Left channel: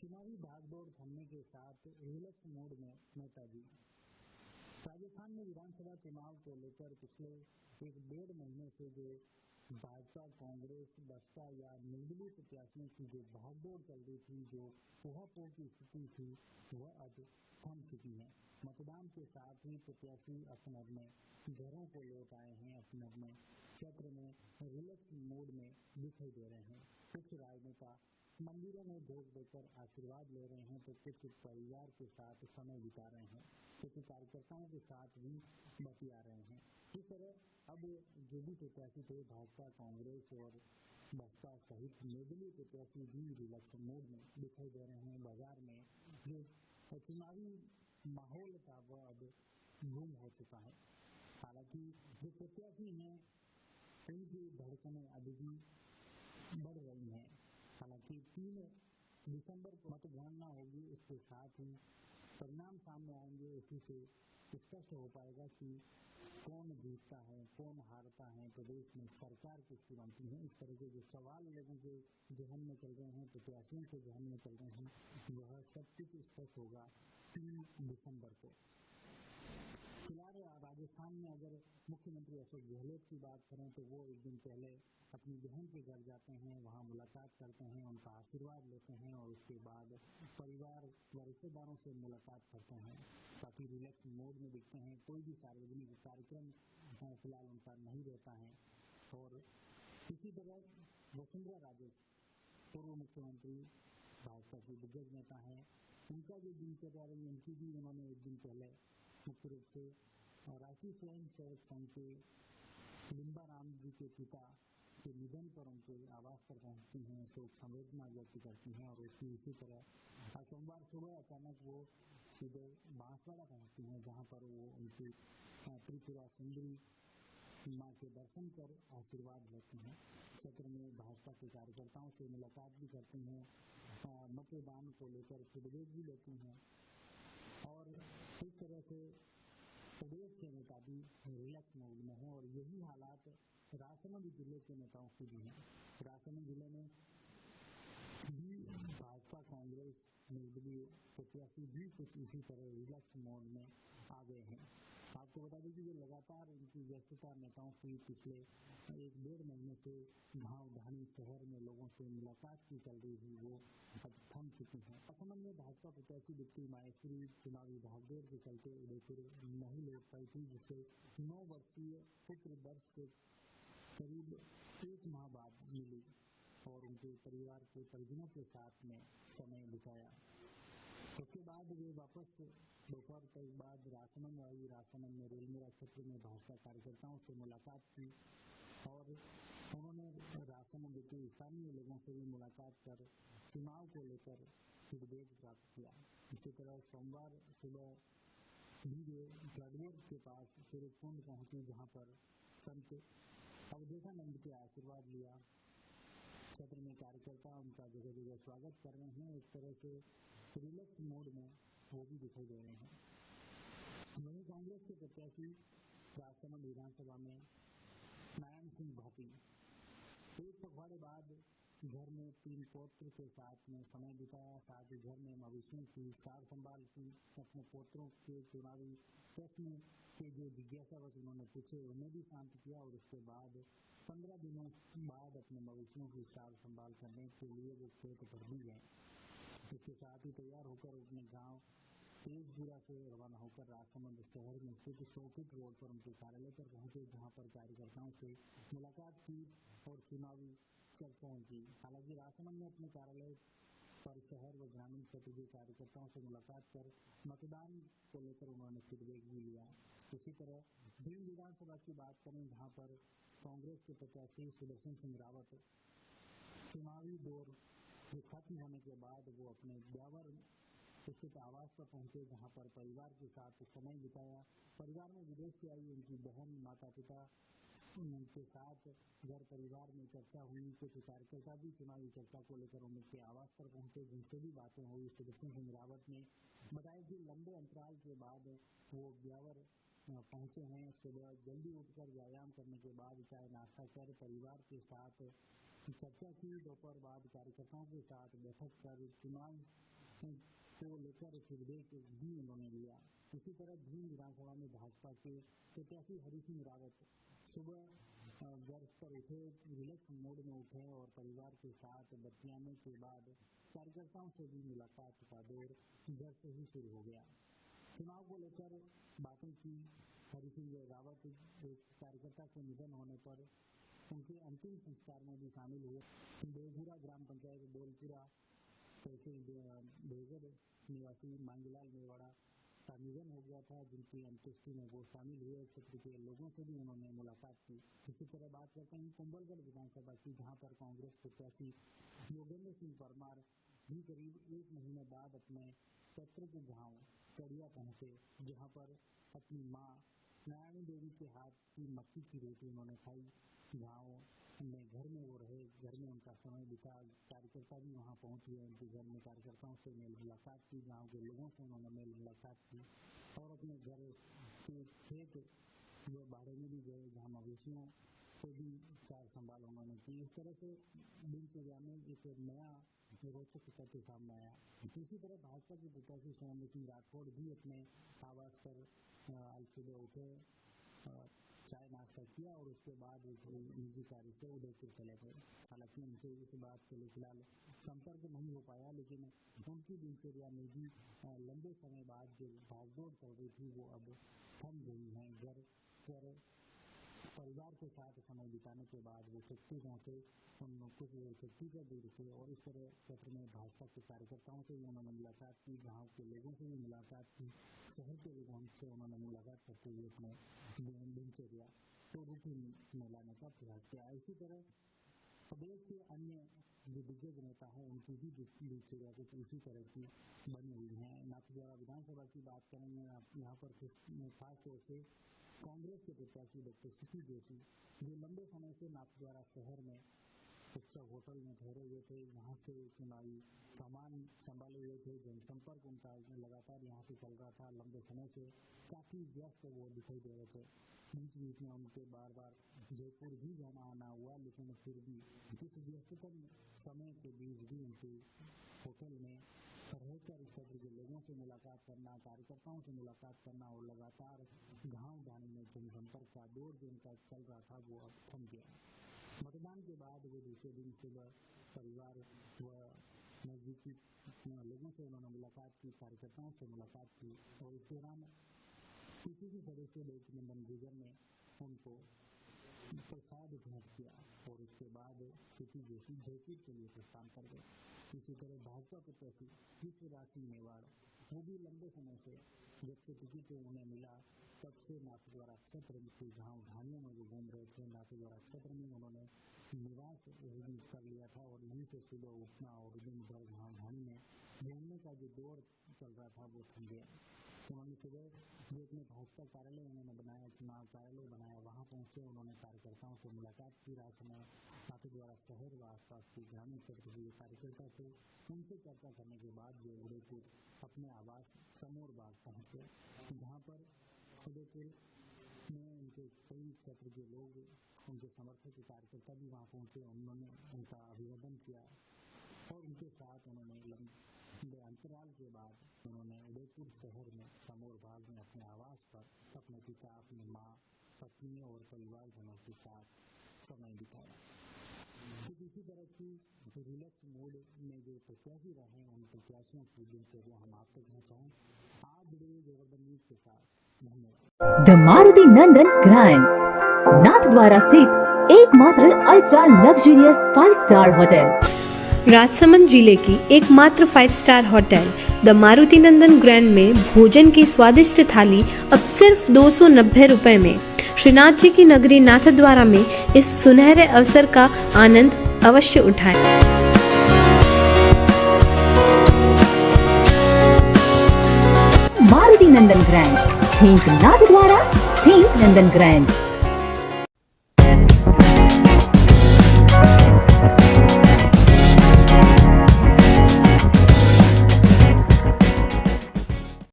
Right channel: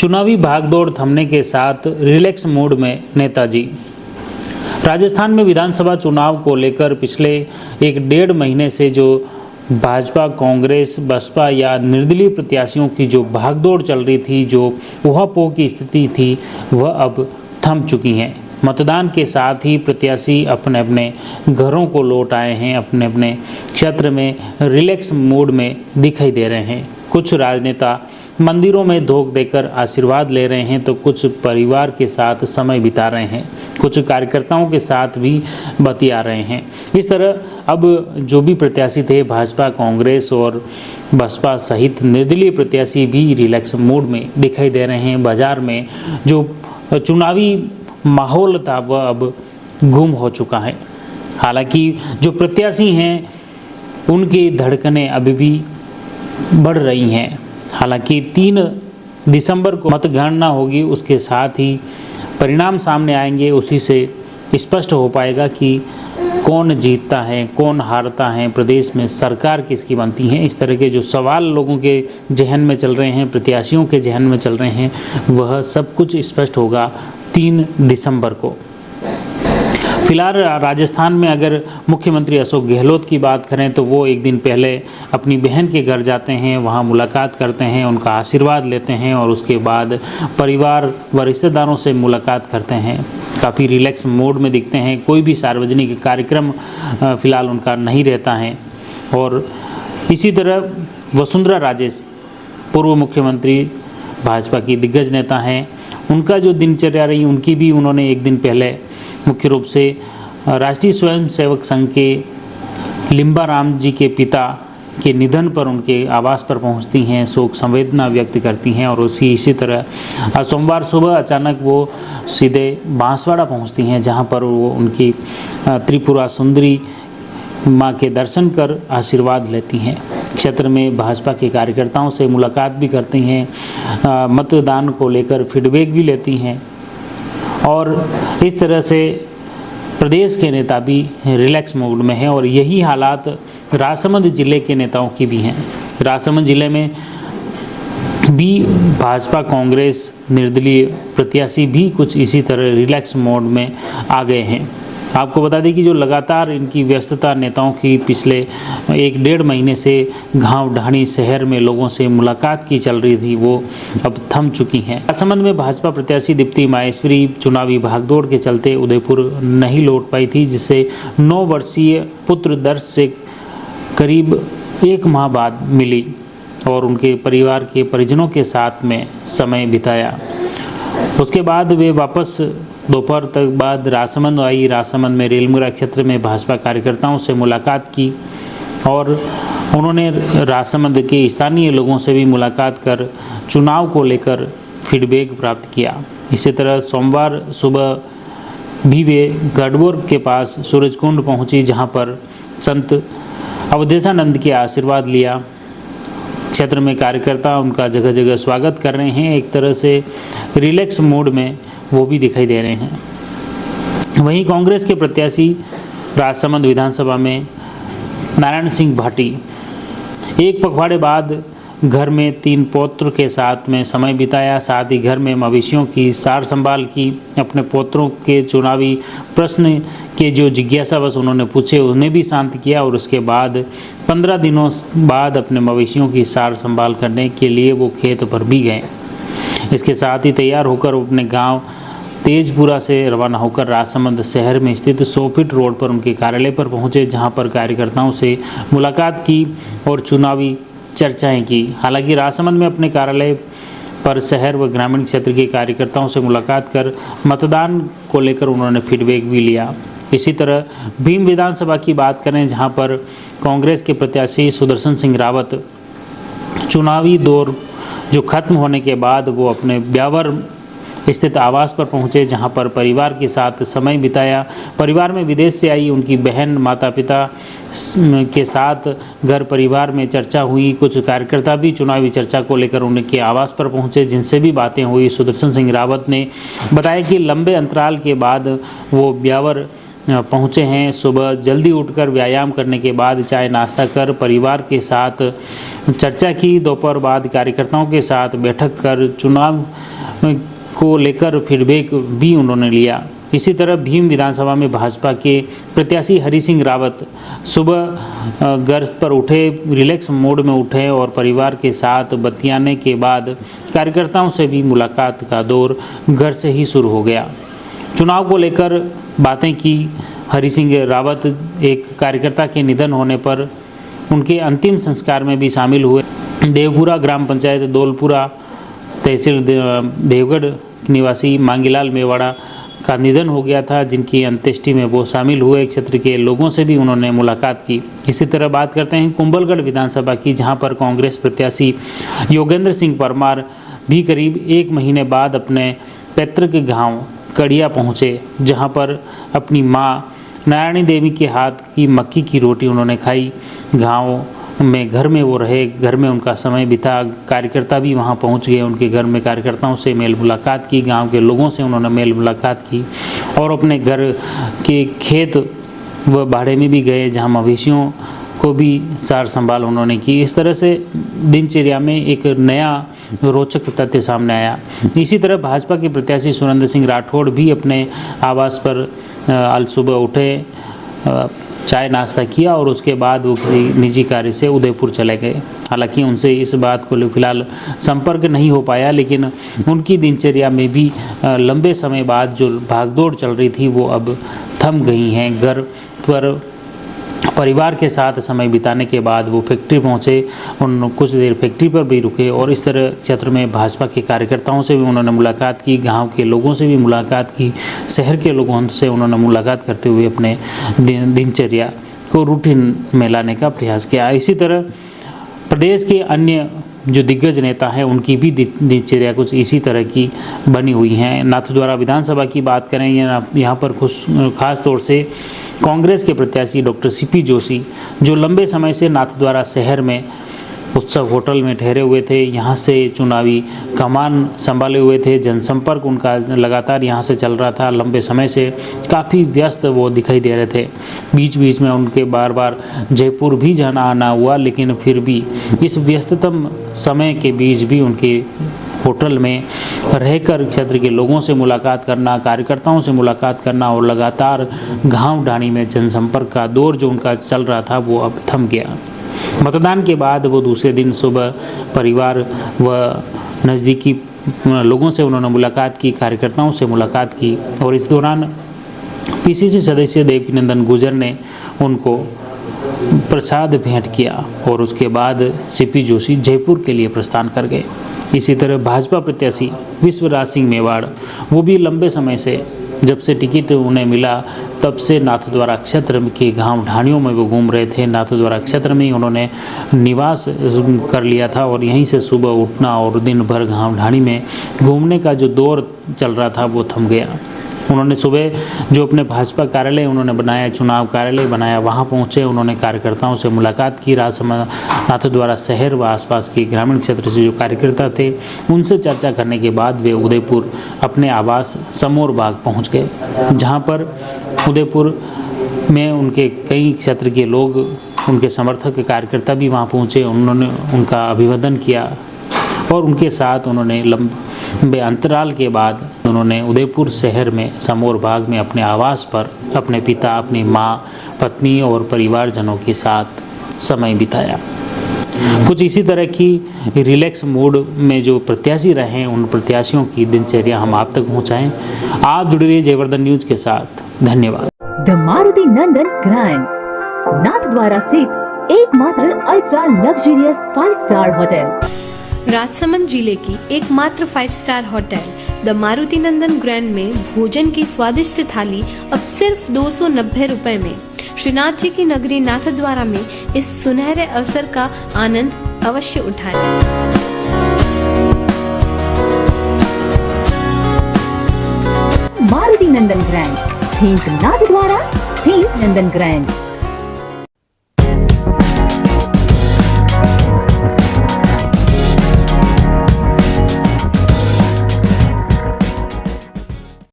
चुनावी भागदौड़ थमने के साथ रिलैक्स मूड में नेताजी। राजस्थान में विधानसभा चुनाव को लेकर पिछले 1-1.5 महीने से जो भाजपा, कांग्रेस, बसपा या निर्दलीय प्रत्याशियों की जो भागदौड़ चल रही थी, जो ऊहापोह की स्थिति थी, वह अब थम चुकी है। मतदान के साथ ही प्रत्याशी अपने अपने घरों को लौट आए हैं, अपने अपने क्षेत्र में रिलैक्स मूड में दिखाई दे रहे हैं। कुछ राजनेता मंदिरों में धोख देकर आशीर्वाद ले रहे हैं तो कुछ परिवार के साथ समय बिता रहे हैं, कुछ कार्यकर्ताओं के साथ भी बतिया रहे हैं। इस तरह अब जो भी प्रत्याशी थे, भाजपा, कांग्रेस और बसपा सहित निर्दलीय प्रत्याशी भी रिलैक्स मूड में दिखाई दे रहे हैं। बाजार में जो चुनावी माहौल था वह अब गुम हो चुका है। हालांकि जो प्रत्याशी हैं उनकी धड़कनें अभी भी बढ़ रही हैं। हालांकि 3 दिसंबर को मतगणना होगी, उसके साथ ही परिणाम सामने आएंगे। उसी से स्पष्ट हो पाएगा कि कौन जीतता है, कौन हारता है, प्रदेश में सरकार किसकी बनती है। इस तरह के जो सवाल लोगों के जहन में चल रहे हैं, प्रत्याशियों के जहन में चल रहे हैं, वह सब कुछ स्पष्ट होगा 3 दिसंबर को। फिलहाल राजस्थान में अगर मुख्यमंत्री अशोक गहलोत की बात करें तो वो एक दिन पहले अपनी बहन के घर जाते हैं, वहाँ मुलाकात करते हैं, उनका आशीर्वाद लेते हैं और उसके बाद परिवार व रिश्तेदारों से मुलाकात करते हैं। काफ़ी रिलैक्स मूड में दिखते हैं। कोई भी सार्वजनिक कार्यक्रम फिलहाल उनका नहीं रहता है। और इसी तरह वसुंधरा राजेश, पूर्व मुख्यमंत्री, भाजपा की दिग्गज नेता हैं, उनका जो दिनचर्या रही उनकी भी उन्होंने एक दिन पहले मुख्य रूप से राष्ट्रीय स्वयंसेवक संघ के लिम्बाराम जी के पिता के निधन पर उनके आवास पर पहुंचती हैं, शोक संवेदना व्यक्त करती हैं। और इसी तरह सोमवार सुबह अचानक वो सीधे बांसवाड़ा पहुंचती हैं, जहां पर वो उनकी त्रिपुरा सुंदरी माँ के दर्शन कर आशीर्वाद लेती हैं। क्षेत्र में भाजपा के कार्यकर्ताओं से मुलाकात भी करती हैं, मतदान को लेकर फीडबैक भी लेती हैं। और इस तरह से प्रदेश के नेता भी रिलैक्स मूड में हैं। और यही हालात राजसमंद जिले के नेताओं की भी हैं। राजसमंद जिले में भी भाजपा, कांग्रेस, निर्दलीय प्रत्याशी भी कुछ इसी तरह रिलैक्स मोड में आ गए हैं। आपको बता दें कि जो लगातार इनकी व्यस्तता नेताओं की पिछले 1-1.5 महीने से गांव ढाणी शहर में लोगों से मुलाकात की चल रही थी, वो अब थम चुकी हैं। राजसमंद में भाजपा प्रत्याशी दीप्ति माहेश्वरी चुनावी भागदौड़ के चलते उदयपुर नहीं लौट पाई थी, जिससे 9 वर्षीय पुत्र दर्श से करीब 1 माह बाद मिली और उनके परिवार के परिजनों के साथ में समय बिताया। उसके बाद वे वापस दोपहर तक बाद राजसमंद आई। राजसमंद में रेलमुरा क्षेत्र में भाजपा कार्यकर्ताओं से मुलाकात की और उन्होंने राजसमंद के स्थानीय लोगों से भी मुलाकात कर चुनाव को लेकर फीडबैक प्राप्त किया। इसी तरह सोमवार सुबह भी वे गढ़बोर के पास सूरजकुंड पहुंची, जहां पर संत अवधेशानंद के आशीर्वाद लिया। क्षेत्र में कार्यकर्ता उनका जगह जगह स्वागत कर रहे हैं। एक तरह से रिलैक्स मूड में वो भी दिखाई दे रहे हैं। वहीं कांग्रेस के प्रत्याशी राजसमंद विधानसभा में नारायण सिंह भाटी एक पखवाड़े बाद घर में 3 पौत्र के साथ में समय बिताया, साथ ही घर में मवेशियों की सार संभाल की। अपने पौत्रों के चुनावी प्रश्न के जो जिज्ञासावश उन्होंने पूछे उन्हें भी शांत किया और उसके बाद 15 दिनों बाद अपने मवेशियों की सार संभाल करने के लिए वो खेत पर भी गए। इसके साथ ही तैयार होकर अपने गांव तेजपुरा से रवाना होकर राजसमंद शहर में स्थित 100 फीट रोड पर उनके कार्यालय पर पहुंचे, जहां पर कार्यकर्ताओं से मुलाकात की और चुनावी चर्चाएं की। हालांकि राजसमंद में अपने कार्यालय पर शहर व ग्रामीण क्षेत्र के कार्यकर्ताओं से मुलाकात कर मतदान को लेकर उन्होंने फीडबैक भी लिया। इसी तरह भीम विधानसभा की बात करें, जहां पर कांग्रेस के प्रत्याशी सुदर्शन सिंह रावत चुनावी दौर जो खत्म होने के बाद वो अपने ब्यावर स्थित आवास पर पहुंचे, जहां पर परिवार के साथ समय बिताया। परिवार में विदेश से आई उनकी बहन, माता पिता के साथ घर परिवार में चर्चा हुई। कुछ कार्यकर्ता भी चुनावी चर्चा को लेकर उनके आवास पर पहुंचे, जिनसे भी बातें हुई। सुदर्शन सिंह रावत ने बताया कि लंबे अंतराल के बाद वो ब्यावर पहुँचे हैं। सुबह जल्दी उठकर व्यायाम करने के बाद चाय नाश्ता कर परिवार के साथ चर्चा की। दोपहर बाद कार्यकर्ताओं के साथ बैठक कर चुनाव को लेकर फीडबैक भी उन्होंने लिया। इसी तरह भीम विधानसभा में भाजपा के प्रत्याशी हरि सिंह रावत सुबह घर पर उठे, रिलैक्स मोड में उठे और परिवार के साथ बतियाने के बाद कार्यकर्ताओं से भी मुलाकात का दौर घर से ही शुरू हो गया। चुनाव को लेकर बातें की। हरि सिंह रावत एक कार्यकर्ता के निधन होने पर उनके अंतिम संस्कार में भी शामिल हुए। देवपुरा ग्राम पंचायत दौलपुरा तहसील देवगढ़ निवासी मांगीलाल मेवाड़ा का निधन हो गया था, जिनकी अंत्येष्टि में वो शामिल हुए। क्षेत्र के लोगों से भी उन्होंने मुलाकात की। इसी तरह बात करते हैं कुंभलगढ़ विधानसभा की, जहां पर कांग्रेस प्रत्याशी योगेंद्र सिंह परमार भी करीब 1 महीने बाद अपने पैतृक गांव कड़िया पहुंचे, जहां पर अपनी मां नारायणी देवी के हाथ की मक्की की रोटी उन्होंने खाई। गांव में घर में वो रहे, घर में उनका समय बिता। कार्यकर्ता भी वहां पहुंच गए उनके घर में, कार्यकर्ताओं से मेल मुलाकात की, गांव के लोगों से उन्होंने मेल मुलाकात की और अपने घर के खेत व बाड़े में भी गए, जहां मवेशियों को भी सार संभाल उन्होंने की। इस तरह से दिनचर्या में एक नया रोचक तथ्य सामने आया। इसी तरह भाजपा के प्रत्याशी सुरेंद्र सिंह राठौड़ भी अपने आवास पर आज सुबह उठे, चाय नाश्ता किया और उसके बाद वो किसी निजी कार्य से उदयपुर चले गए। हालांकि उनसे इस बात को फिलहाल संपर्क नहीं हो पाया, लेकिन उनकी दिनचर्या में भी लंबे समय बाद जो भागदौड़ चल रही थी वो अब थम गई हैं। घर पर परिवार के साथ समय बिताने के बाद वो फैक्ट्री पहुंचे, उन कुछ देर फैक्ट्री पर भी रुके और इस तरह क्षेत्र में भाजपा के कार्यकर्ताओं से भी उन्होंने मुलाकात की, गांव के लोगों से भी मुलाकात की, शहर के लोगों से उन्होंने मुलाकात करते हुए अपने दिनचर्या को रूटीन में लाने का प्रयास किया। इसी तरह प्रदेश के अन्य जो दिग्गज नेता हैं उनकी भी दिनचर्या कुछ इसी तरह की बनी हुई हैं। नाथद्वारा विधानसभा की बात करें, यहाँ पर खास तौर से कांग्रेस के प्रत्याशी डॉक्टर सीपी जोशी, जो लंबे समय से नाथद्वारा शहर में उत्सव होटल में ठहरे हुए थे, यहाँ से चुनावी कमान संभाले हुए थे, जनसंपर्क उनका लगातार यहाँ से चल रहा था। लंबे समय से काफ़ी व्यस्त वो दिखाई दे रहे थे। बीच बीच में उनके बार बार जयपुर भी जाना आना हुआ, लेकिन फिर भी इस व्यस्ततम समय के बीच भी उनके होटल में रहकर क्षेत्र के लोगों से मुलाकात करना, कार्यकर्ताओं से मुलाकात करना और लगातार गांव ढाणी में जनसंपर्क का दौर जो उनका चल रहा था वो अब थम गया। मतदान के बाद वो दूसरे दिन सुबह परिवार व नज़दीकी लोगों से उन्होंने मुलाकात की, कार्यकर्ताओं से मुलाकात की और इस दौरान पीसीसी सदस्य देवकीनंदन गुर्जर ने उनको प्रसाद भेंट किया और उसके बाद सीपी जोशी जयपुर के लिए प्रस्थान कर गए। इसी तरह भाजपा प्रत्याशी विश्वराज सिंह मेवाड़, वो भी लंबे समय से, जब से टिकट उन्हें मिला तब से नाथद्वारा क्षेत्र के गांव ढाणियों में वो घूम रहे थे। नाथद्वारा क्षेत्र में ही उन्होंने निवास कर लिया था और यहीं से सुबह उठना और दिन भर गांव ढाणी में घूमने का जो दौर चल रहा था वो थम गया। उन्होंने सुबह जो अपने भाजपा कार्यालय उन्होंने बनाया, चुनाव कार्यालय बनाया, वहां पहुंचे, उन्होंने कार्यकर्ताओं से मुलाकात की। नाथद्वारा शहर व आसपास के ग्रामीण क्षेत्र से जो कार्यकर्ता थे उनसे चर्चा करने के बाद वे उदयपुर अपने आवास समोर बाग पहुंच गए, जहां पर उदयपुर में उनके कई क्षेत्र के लोग, उनके समर्थक कार्यकर्ता भी वहां पहुंचे। उन्होंने उनका अभिवादन किया और उनके साथ उन्होंने लंबे अंतराल के बाद उन्होंने उदयपुर शहर में समोर बाग में अपने आवास पर अपने पिता, अपनी माँ, पत्नी और परिवारजनों के साथ समय बिताया। कुछ इसी तरह की रिलैक्स मूड में जो प्रत्याशी रहे हैं उन प्रत्याशियों की दिनचर्या हम आप तक पहुँचाएँ। आप जुड़े रहिए जयवर्धन न्यूज के साथ। धन्यवाद। The Maruti Nandan grand, Nathdwara स्थित एकमात्र ultra luxurious 5 star hotel. Rajsamand जिले की एकमात्र 5 star hotel the Maruti Nandan grand में भोजन की स्वादिष्ट थाली अब सिर्फ 290 रुपए में। श्रीनाथ जी की नगरी नाथद्वारा में इस सुनहरे अवसर का आनंद अवश्य उठाएं। मारुति नंदन ग्रैंड, थिंक नाथद्वारा, थिंक नंदन ग्रैंड।